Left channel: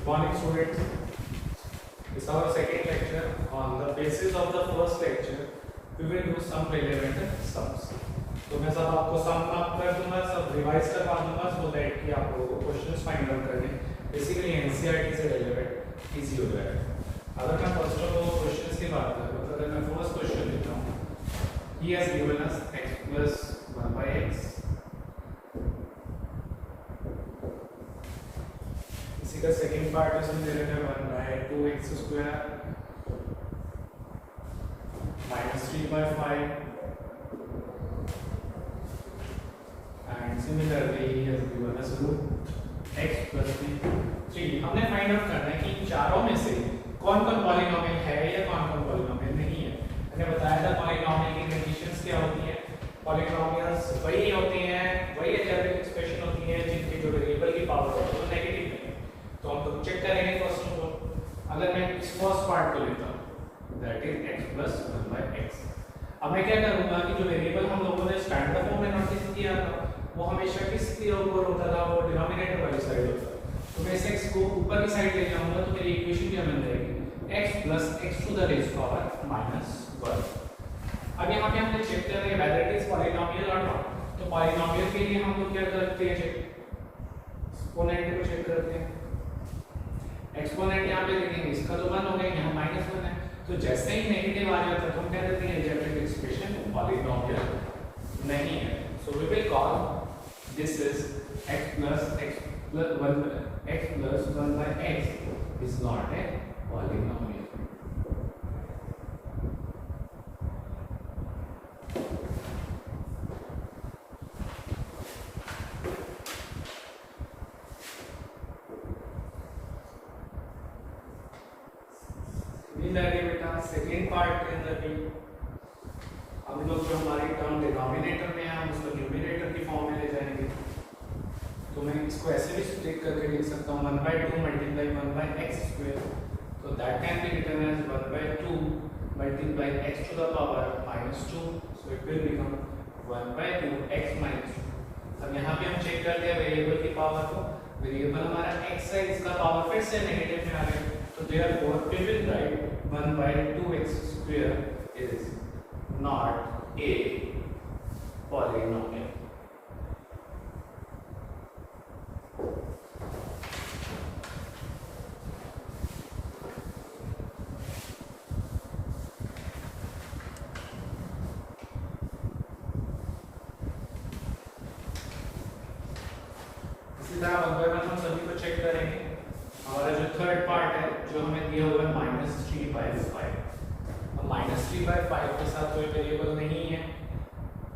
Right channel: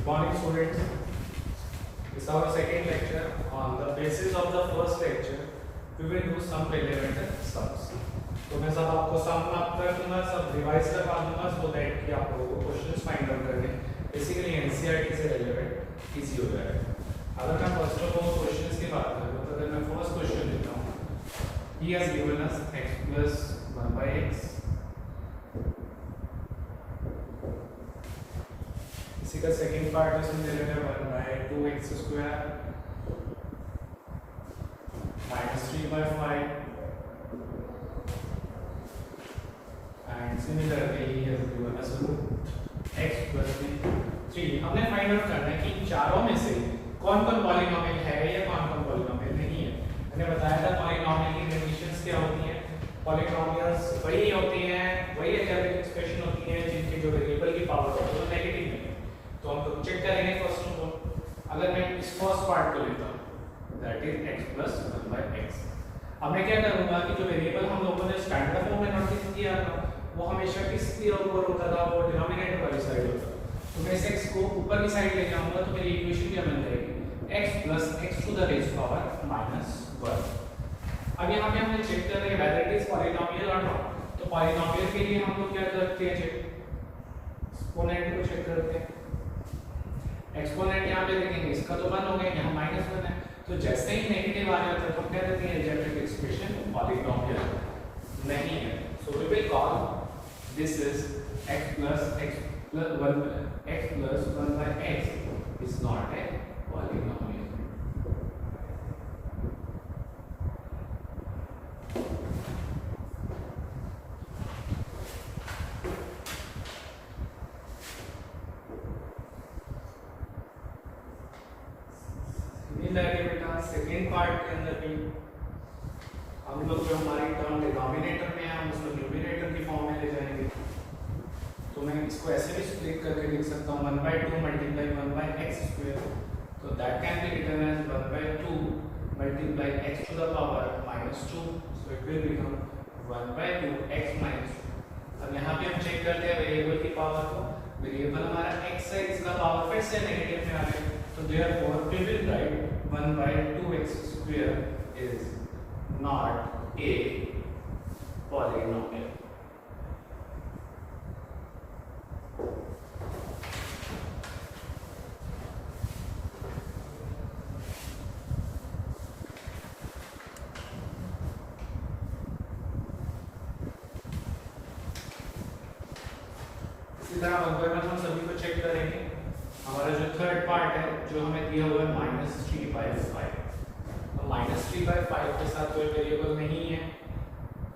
Good morning, students. This is our second lecture. On the basis of the first lecture, we will do some relevant sums. तो मैं सब आपको सम mark कर दूंगा, सब revise करवा दूंगा so that कि आप लोगों को क्वेश्चंस फाइंड आउट करने बेसिकली एनसीईआरटी से रिलेवेंट इजी हो जाएगा. अगर मैं फर्स्ट ऑफ ऑल क्वेश्चंस की बात करूं तो अगर मैं फर्स्ट क्वेश्चन लेता हूं, he has given us x plus 1 by x. इसी का सेकंड पार्ट है, इसमें दे रखा है 1 by 2x square minus 3 by 5 and similarly he has given us root x plus 3. हमने फाइंड आउट करना है कि इन चारों में से कौन कौन पॉलिनोमियल है या कौन कौन पॉलिनोमियल नहीं है. मैंने बताया था पॉलिनोमियल की कंडीशंस क्या होती हैं. पॉलिनोमियल्स वही होती हैं, वही अलजेब्रिक एक्सप्रेशन होती है जिनकी जो वेरिएबल की पावर होती है वो नेगेटिव नहीं है. तो हम तो चेक करेंगे फर्स्ट ऑफ ऑल. अगर मैं इस फर्स्ट पार्ट को लेता हूं that is x plus 1 by x. अब मैं क्या करूंगा कि जो वेरिएबल हम लोगों ने स्टैंडर्ड फॉर्म में नोटिस किया था वो हमेशा किसके ऊपर होता था, वो डिनोमिनेटर वाली साइड होता था. तो मैं इसे x को ऊपर की साइड ले जाऊंगा तो मेरी इक्वेशन क्या बन जाएगी, x plus x to the raised power minus 1. अब यहाँ पे हमने चेक कर रहे हैं whether it is polynomial or not. तो पॉलिनोमियल के लिए हम लोग क्या करते हैं, एक्सपोनेंट को चेक करते हैं. एक्सपोनेंट यहाँ पे लिखेंगे, इसका तो 1 हो गया, यहाँ -1 है. तो जैसे ही नेगेटिव आ जाता है तो हम क्या कहते हैं अलजेब्रिक एक्सप्रेशन पॉलिनोमियल नहीं है. So we will call this is x plus 1 by x is not a polynomial. बेटा सेकेंड पार्ट के अंदर भी हम लोग जो हमारी टर्म डिनोमिनेटर में है हम उसको न्यूमरेटर की फॉर्म में ले जाएंगे. तो मैं इसको ऐसे भी स्प्लिट करके लिख सकता हूँ 1 by 2 multiply 1 by x square. तो that can be written as 1 by 2 multiply x to the power minus 2. So it will become 1 by 2 x minus 2. अब यहाँ पे हम चेक करते हैं वेरिएबल की पावर को. वेरिएबल हमारा x है, इसका पावर फिर से नेगेटिव में आ गया. तो therefore we will write 1 by 2x square is not a polynomial. इसी तरह अगर हम सभी को चेक करेंगे, हमारा जो थर्ड पार्ट है जो हमें दिया हुआ है -3 by 5. अब -3 by 5 के साथ कोई वेरिएबल नहीं है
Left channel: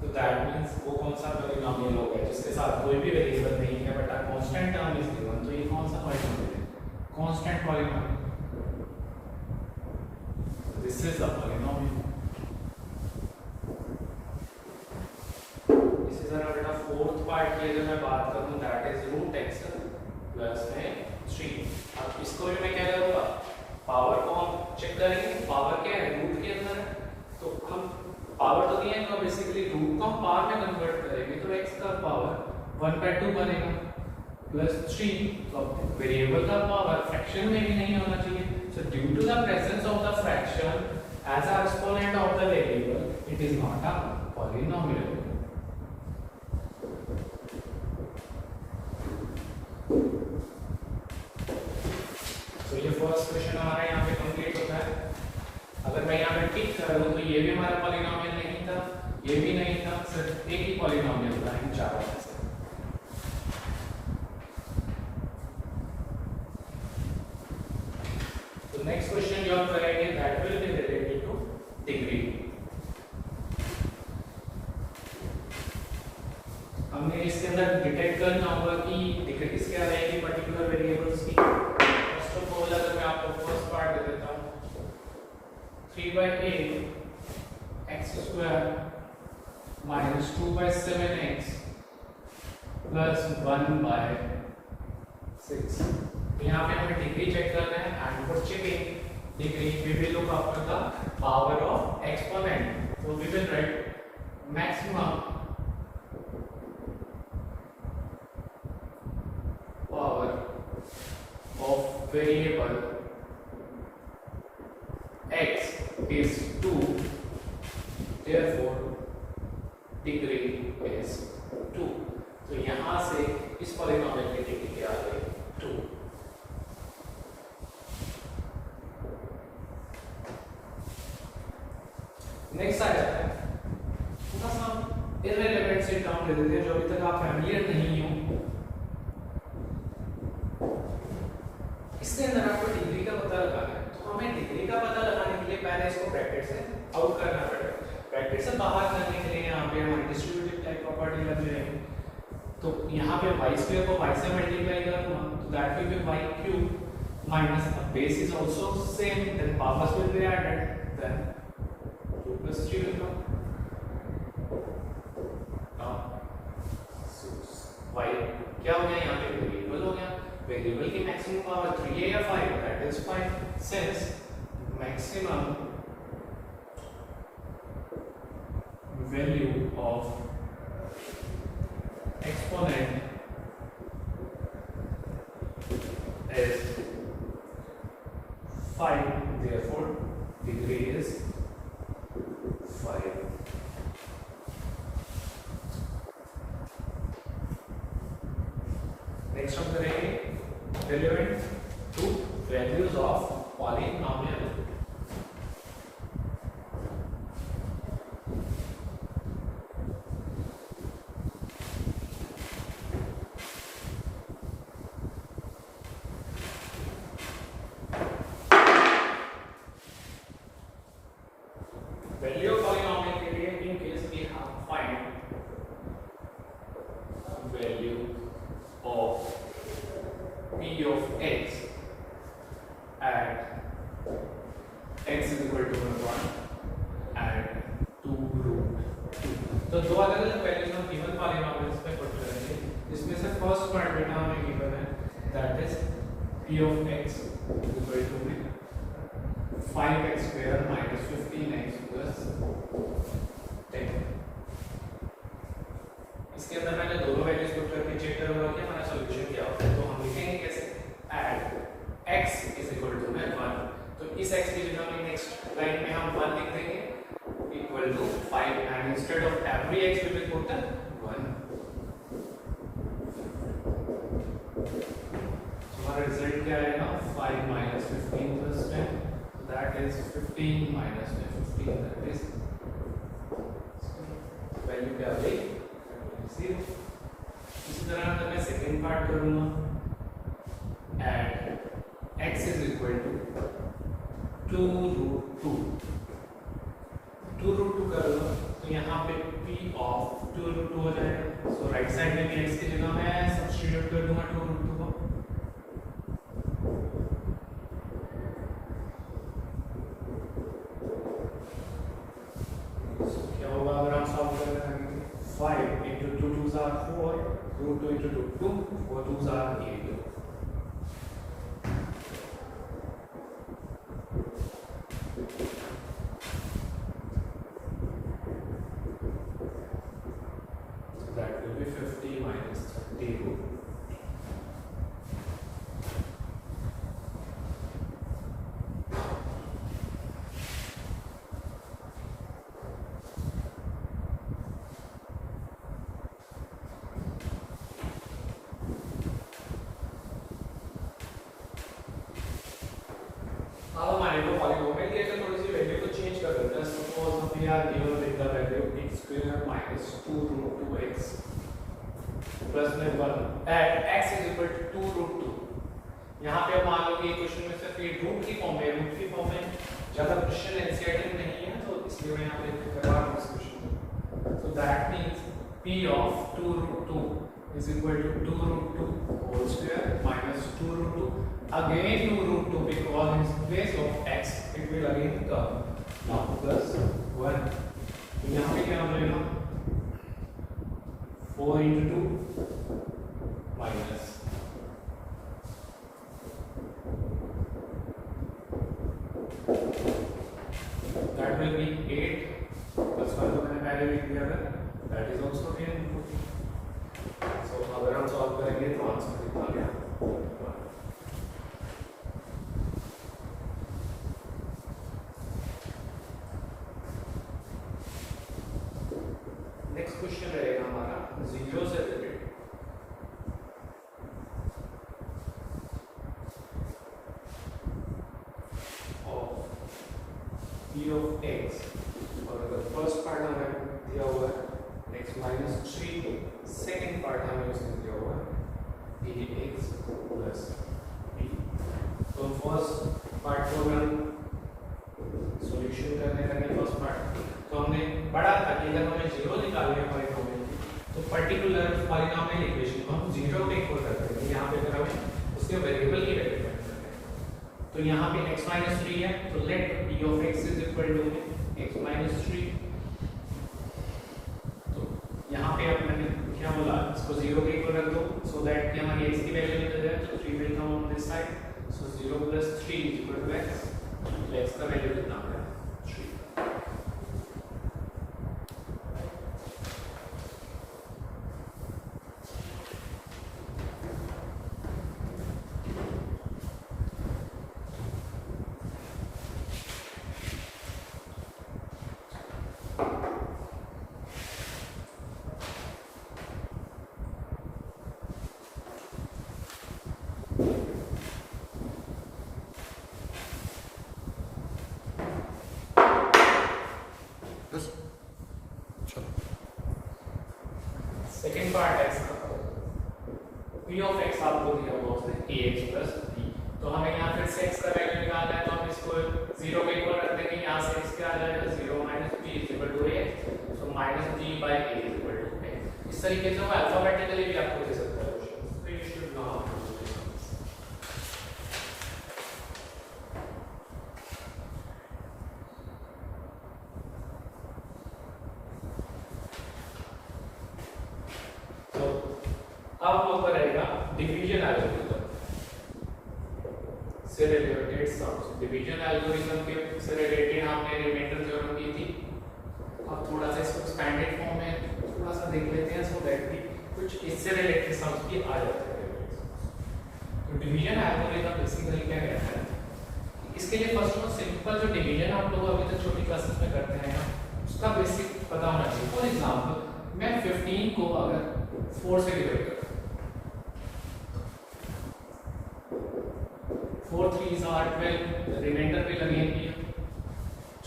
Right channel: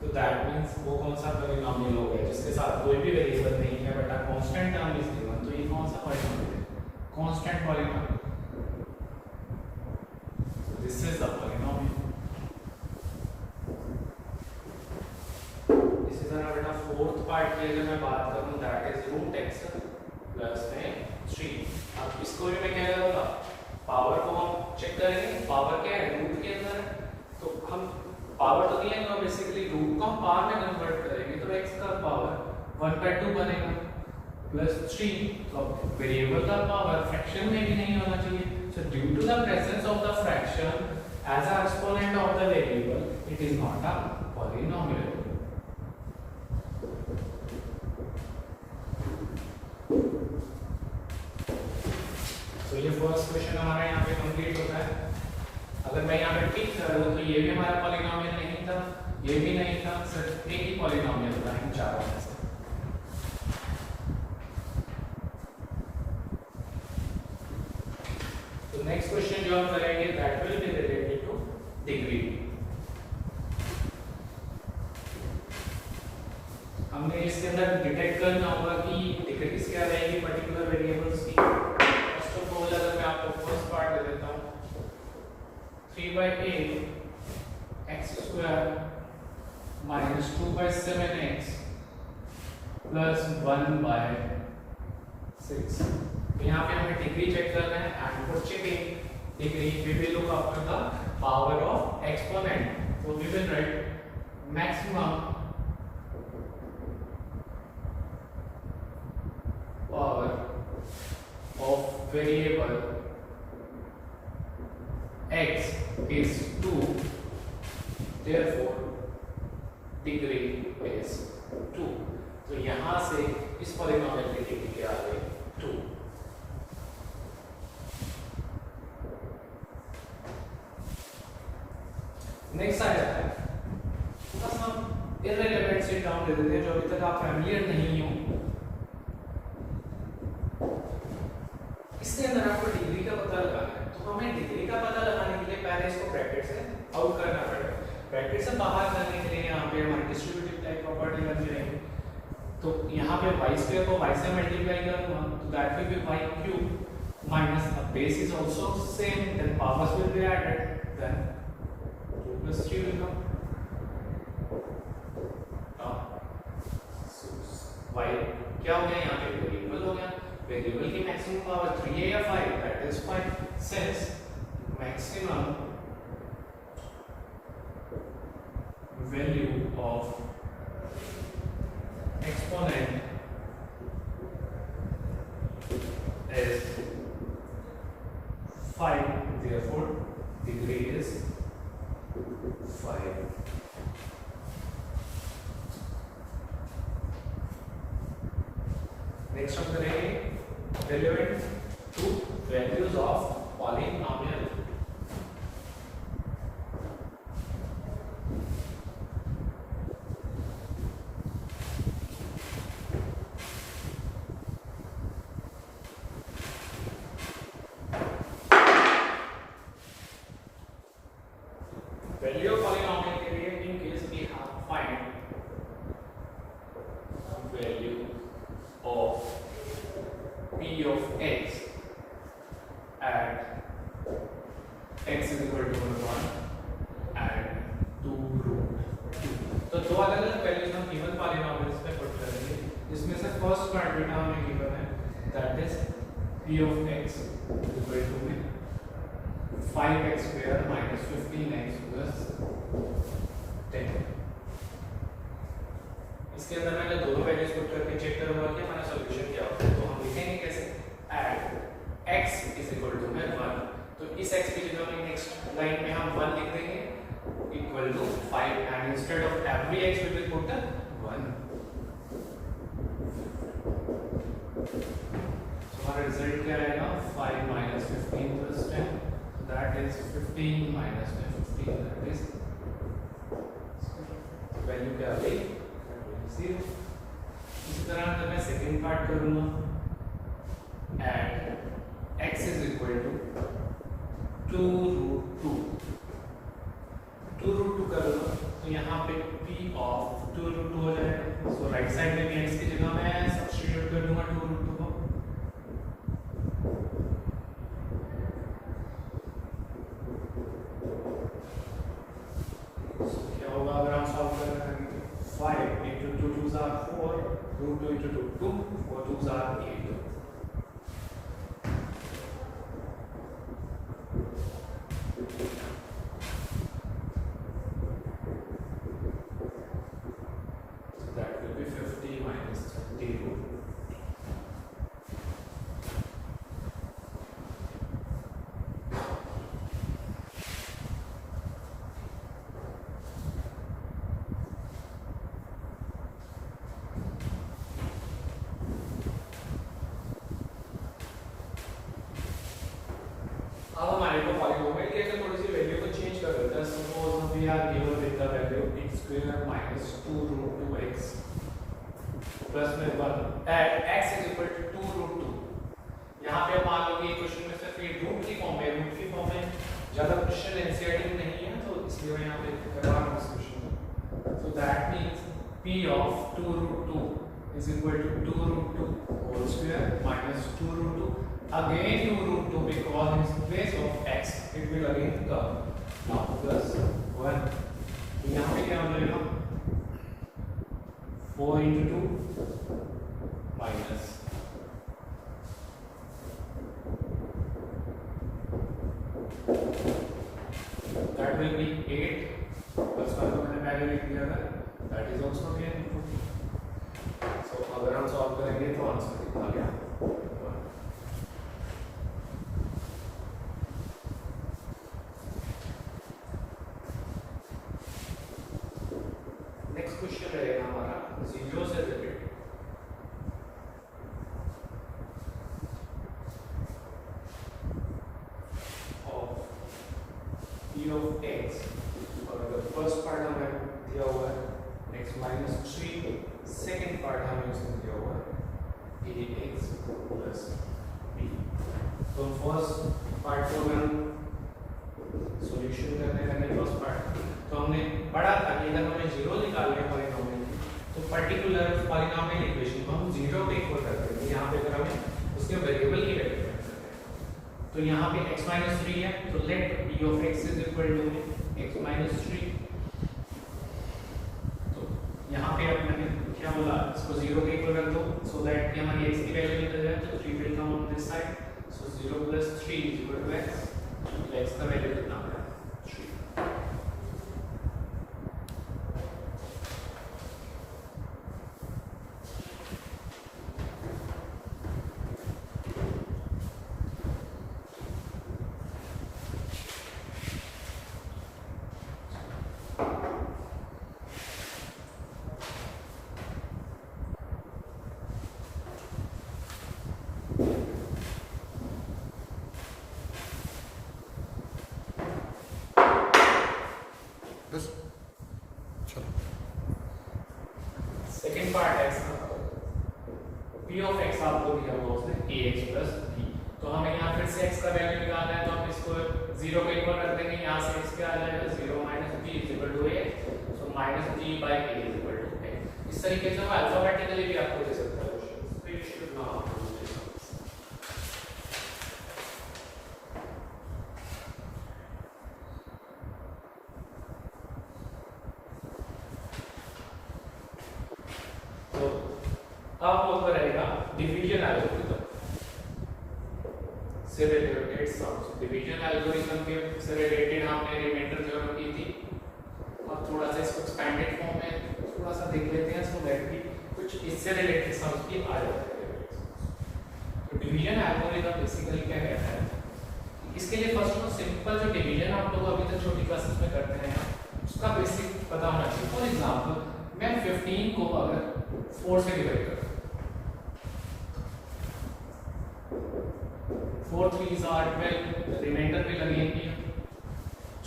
तो दैट मींस वो कौन सा पॉलिनोमियल होगा जिसके साथ कोई भी वेरिएबल नहीं है but a constant term is given. तो ये कौन सा पॉलिनोमियल है, constant polynomial. This is the polynomial. इसी तरह बेटा फोर्थ पार्ट की अगर मैं बात करूं that is root x plus 3. अब इसको भी मैं क्या करूंगा, पावर को हम चेक करेंगे. पावर क्या है, रूट के अंदर. तो हम पावर तो दिए हैं, बेसिकली रूट को हम पावर में कन्वर्ट करेंगे तो x का पावर 1 by 2 बनेगा प्लस 3. तो वेरिएबल का पावर फ्रैक्शन में भी नहीं होना चाहिए. So due to the presence of the fraction as a exponent of the variable it is not a polynomial. तो ये फर्स्ट क्वेश्चन हमारा यहाँ पे कंप्लीट होता है. अगर मैं यहाँ पे टिक कर रहा हूँ तो ये भी हमारा पॉलिनोमियल नहीं था, ये भी नहीं था, सिर्फ एक ही पॉलिनोमियल था इन चारों में से. तो नेक्स्ट क्वेश्चन जो हम करेंगे that will be related two degree. हमने इसके अंदर डिटेक्ट करना होगा कि डिग्रीज क्या रहेगी पर्टिकुलर वेरिएबल्स की. सपोज अगर मैं आपको फर्स्ट पार्ट दे देता हूँ 3 by 8 x square minus 2 by 7x plus 1 by 6. तो यहाँ पे हमें डिग्री चेक करना है and for checking degree we will look after the power of exponent. So we will write maximum power of variable x is 2, therefore degree is 2. तो यहां से इस पॉलिनोमियल की डिग्री क्या आ गई 2. नेक्स्ट आ जाता है थोड़ा सा इररिलेवेंट से टर्म दे देते हैं जो अभी तक आप फैमिलियर नहीं हो. इसके अंदर आपको डिग्री का पता लगाना है, तो हमें डिग्री का पता लगाने के लिए पहले इसको ब्रैकेट से आउट करना पड़ेगा. ब्रैकेट से बाहर करने के लिए यहाँ पे हमारी डिस्ट्रीब्यूटिव टाइप प्रॉपर्टी लग जाएगी. तो यहाँ पे y स्क्वायर को y से मल्टीप्लाई करूंगा तो that will be y cube minus the base is also same, then powers will be added, then 2 plus 3 will come. y क्या हो गया यहाँ पे वेरिएबल हो गया. वेरिएबल की मैक्सिमम पावर 3 है या 5, that is fine since maximum value of exponent is 5, therefore degree is 5. Next one करेंगे relevant to values of polynomial. Value of polynomial के लिए in case we have find value of p of x at x is equal to 1 and 2 root 2. तो दो अलग अलग values हम given polynomials में put करेंगे. इसमें से फर्स्ट क्वाड्रेटा हमें गिवन है that is p of x is equal to 5x square minus 15x plus 10. इसके अंदर मैंने दोनों वैल्यूज पुट करके चेक करूंगा कि हमारा सॉल्यूशन क्या होगा. तो हम लिखेंगे कैसे eight x is equal to 1. तो इस x की जगह में नेक्स्ट लाइन में हम 1 लिख देंगे equal to 5 and instead of every x we will put the 1. हमारा रिजल्ट क्या आएगा 5 minus 15 plus 10. That is 15 minus 15, that is value क्या आ गई 0. इसी तरह अगर मैं सेकंड पार्ट करूंगा eight x is equal to 2 root 2. 2 root 2 कर लो तो यहाँ पे p of 2 root 2 हो जाएगा. सो राइट साइड में x की जगह मैं सब्स्टिट्यूट कर दूंगा 2 root 2 को. क्या होगा अगर हम सॉल्व करें 5 into 2 2s are 4, root 2 into 2 4 2s are 8. So that will be 50 minus 30 root. अब हमारे को पॉलीनोमियल के लिए थोड़ी सी वैल्यू को चेंज कर देते हैं. सपोज हम यहाँ given with the value x square minus 2 root 2x plus में 1 at x is equal to 2 root 2. यहाँ पे मान लो कि क्वेश्चन में सिर्फ ये रूट की फॉर्म में रूट की फॉर्म में ज्यादा क्वेश्चन एनसीईआरटी में नहीं है तो इसलिए मैं यहाँ पे करवा रहा हूँ इस क्वेश्चन में. So that means p of 2 root 2 is equal to 2 root 2 whole square minus 2 root 2 again 2 root 2 because in place of x it will again come now plus 1. तो यहाँ पे क्या हो जाएगा 4 into 2 minus that will be 8 plus 1 को मैंने पहले लिख दिया था that is also again 2. So अगर हम सॉल्व करेंगे तो आंसर कितना आ गया g of x, और अगर फर्स्ट पार्ट हमें दिया हुआ है x minus 3, सेकेंड पार्ट हमें उसमें दिया हुआ है ax plus b। तो फर्स्ट पार्ट को अगर सॉल्यूशन करने लगे फर्स्ट पार्ट, तो हमने पढ़ा था कि अगर हमें जीरो निकालना है पॉलिनोमियल तो पर्टिकुलर पॉलिनोमियल इक्वेशन को हम जीरो पे इक्वल करते हैं। यहाँ पे अगर हमें उसके वेरिएबल की वैल्यू फाइंड करनी है, तो यहाँ पे x minus 3 है, तो late p of x is equal to x minus 3। तो यहाँ पे अब मैंने क्या बोला, इसको जीरो पे इक्वल कर दो सो दैट कि हमारी x की वैल्यू निकल जाए, तो 3 will come on this side, so 0 plus 3 is equal to x। तो x का वैल्यू कितना आ गया, 3। सेकेंड पार्ट है इसका, p of x आपको दिया हुआ है ax plus b। तो हमें यहाँ फिर से x का वैल्यू निकालना है, तो हम इसको 0 पे इक्वल कर देंगे। यहाँ से x क्या आ जाएगा, 0 minus b is equal to x, so minus b by a is equal to x। इस तरीके से हम अल्फाबेटिकली भी आपको दे सकता है क्वेश्चन, तो you should know how to do this। अब हम ऊपर रहेगा डिवीजन एल्गोरिथम से रिलेटेड सम्स। डिवीजन एल्गोरिथम के से रिलेटेड हमने रिमाइंडर थ्योरम की थी। अब थोड़ा सा इसको एक्सपेंडेड फॉर्म में थोड़ा सा देख लेते हैं, सो दैट कि कुछ इससे रिलेटेड सम्स भी आ जाते हैं। तो डिवीजन एल्गोरिथम बेसिकली क्या कहता है, इसके लिए फर्स्ट ऑफ सिंपल जो डिवीजन आप लोग अभी तक छोटी क्लासेस में करते हैं उसका बेसिक पता होना चाहिए। फॉर एग्जांपल मैं 15 को अगर 4 से डिवाइड करता हूं, 4 3s are 12, रिमाइंडर पे लगेंगे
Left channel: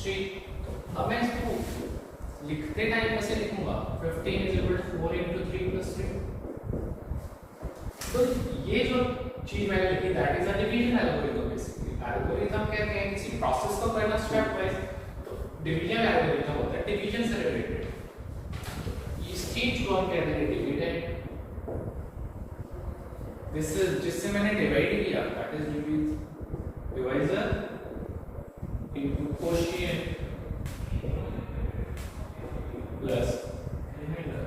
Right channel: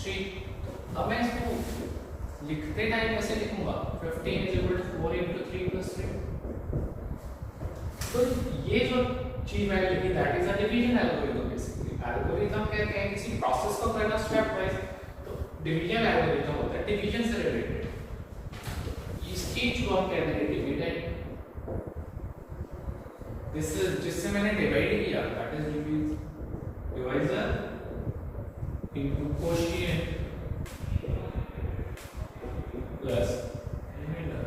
3। अब मैं इसको लिखते टाइम ऐसे लिखूंगा 15 is equal to 4 into 3 plus 3। तो ये जो चीज मैंने लिखी that is a division algorithm. Basically algorithm कहते हैं किसी प्रोसेस को करना स्टेप वाइज, तो डिवीजन एल्गोरिथम होता है डिवीजन से रिलेटेड। इस चीज को हम कहते हैं डिविडेंड। दिस इज जिससे मैंने डिवाइड किया, that is division into quotient plus remainder.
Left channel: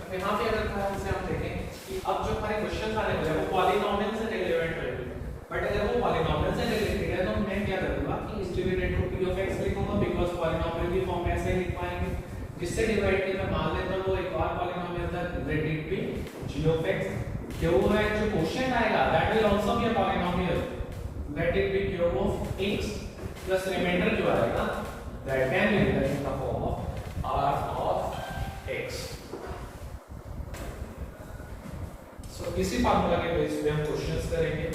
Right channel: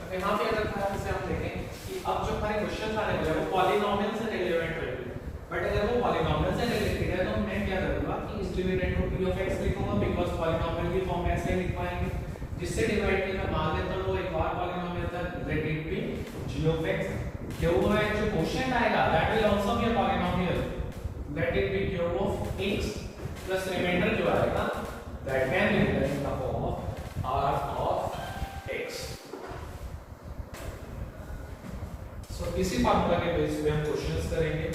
अब यहाँ पे अगर ध्यान से हम देखें कि अब जो हमारे क्वेश्चन आने वाले हैं वो पॉलिनोमियल से रिलेवेंट होंगे, बट अगर वो पॉलिनोमियल से रिलेटेड है तो मैं क्या करूंगा कि इस डिविडेंड को p of x लिखूंगा, बिकॉज़ पॉलिनोमियल भी फॉर्म में ऐसे लिख पाएंगे। जिससे डिवाइड किया मैं मान लेता हूं वो एक और पॉलिनोमियल था related to g of x। क्यों है जो क्वेश्चन आएगा that will also be a polynomial, let it be q of x plus remainder जो आएगा that can be written in the form of r of x। So इसी formula के base पे हम क्वेश्चंस करेंगे।